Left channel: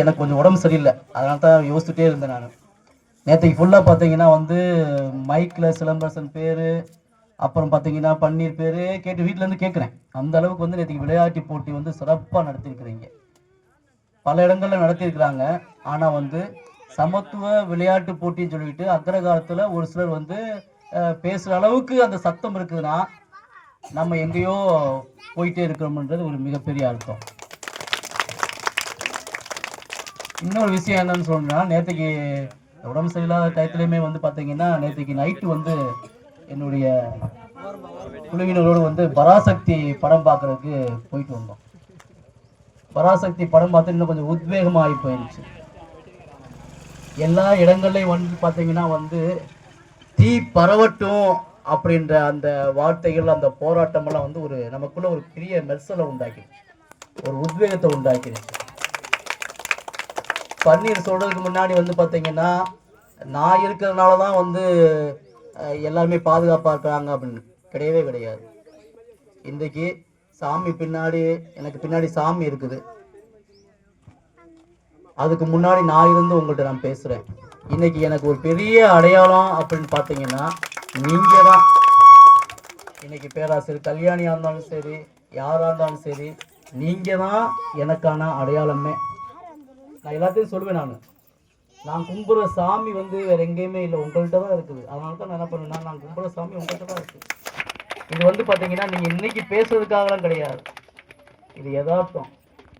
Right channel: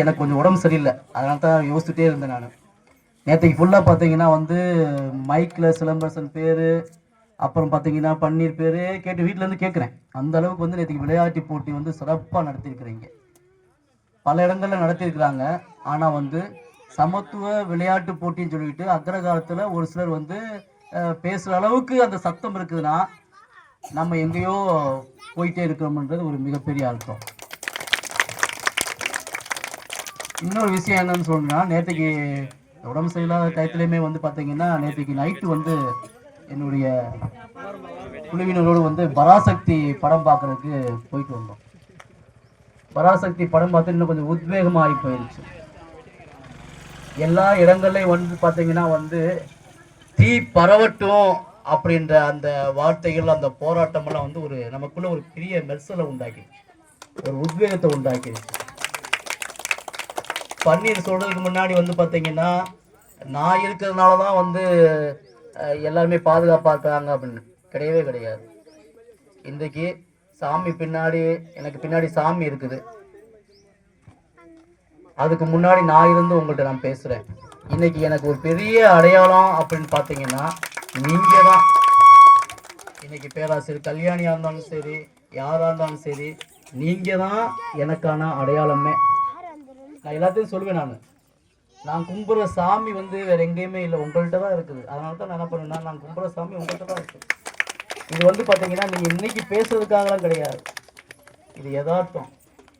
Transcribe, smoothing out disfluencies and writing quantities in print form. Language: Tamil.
எனக்கு கொஞ்சம் உடம்பு சரியில்லை, அதனால தான் யோசிச்சுட்டே இருந்தேன் நான். நேற்றுக்கு ஃபுல்லாக பார்த்தீங்கன்னா வந்து மைக்கில் சிலம்பரசன் பேர், அப்புறம் பார்த்தீங்கன்னா பன்னீர் பேர் கேட்டு வீட்டிலேருந்து கேட்குறேன். அந்த அளவுக்கு வந்து நேற்றுக்கு விளையாட்டு போட்டி வந்து சிறப்பாக நடத்தியிருக்கிறீங்க. பல இடங்களில் நடத்தியிருக்கிறாங்க. ஆனால் வந்து சமத்துவ விளையாட்டு போட்டின்னு சொல்லிட்டு அக்ரகாலத்தில் ஒரு சிலர் வந்து பேசுகிற அளவுக்கு அந்த சத்தம் இருக்குதுன்னா நம்ம எங்கேயோ போயிட்டே இருக்கிறோம்ன்றது ஒரு மிகப்பெரிய அர்த்தம். இன்னொரு விஷயம் என்னன்னு சொன்னா, நேற்றுக்கு உடம்பு சரியில்லாத டயத்துலையுமே வந்து பார்த்தீங்கன்னா நேற்றுக்கு நைட்டு வந்து என்னுடைய குழுவினரோடு வந்து பராசக்தி படம் பார்க்கறதுக்கு போயிட்டு வந்தோம். பராசக்தி படம் பார்த்து இன்னும் கொஞ்சம் உத்வேகமாகி போயிடுச்சு. எல்லா இடங்கள்லையும் வந்து பார்த்தீங்கன்னா வந்து தீ பரவட்டும் அப்படின்ற அந்த வார்த்தைகள், அந்த போராட்டமெல்லாம் வந்து ஒரு நமக்குள்ள ஒரு பெரிய மெர்சலை உண்டாக்கி, ஒரு உத்வேகத்தை உண்டாக்கி. பன்னீர் சொல்றதுக்கு முன்னாடி வந்து பார்த்தீங்கன்னா நான் இருக்கிறதுனால தான் வந்து எல்லாருமே பாதுகாப்பாக இருக்காங்க அப்படின்னு கிடையவே கிடையாது. இன்றைக்கு சாமி பின்னாடி, எனக்கு பின்னாடி சாமி இருக்குது, அதுக்கு முன்னாடி நான் இருந்து உங்கள்கிட்ட நான் பேசுகிறேன். இன்னைக்கு எனக்கு ஒரு பெரிய அடையாளம் அப்படின்னு பார்த்தீங்கன்னா நீங்கள் தான். இன்னைக்கு பேராசிரியர் கல்யாணியாக இருந்தாலும் சரி, யாராக இருந்தாலும் சரி, நீங்கள் தான் எனக்கான அடையாளமே. நான் எல்லாத்தையும் சொல்லுவேன். நான் கும்புற சாமி வந்து வேற எங்கேயுமே இல்லை, உங்கள்கிட்ட தான் இருக்குது. அதனால தான் நான் என்ன பண்ணேன்னா, நான் கும்புற சாமி உங்கள்கிட்ட தான் இருக்குது. இது வந்து பார்த்தீங்கன்னா நீங்கள் இன்னைக்கு பேசுறதுக்காகலாம் கிடையாது, இது யதார்த்தம்.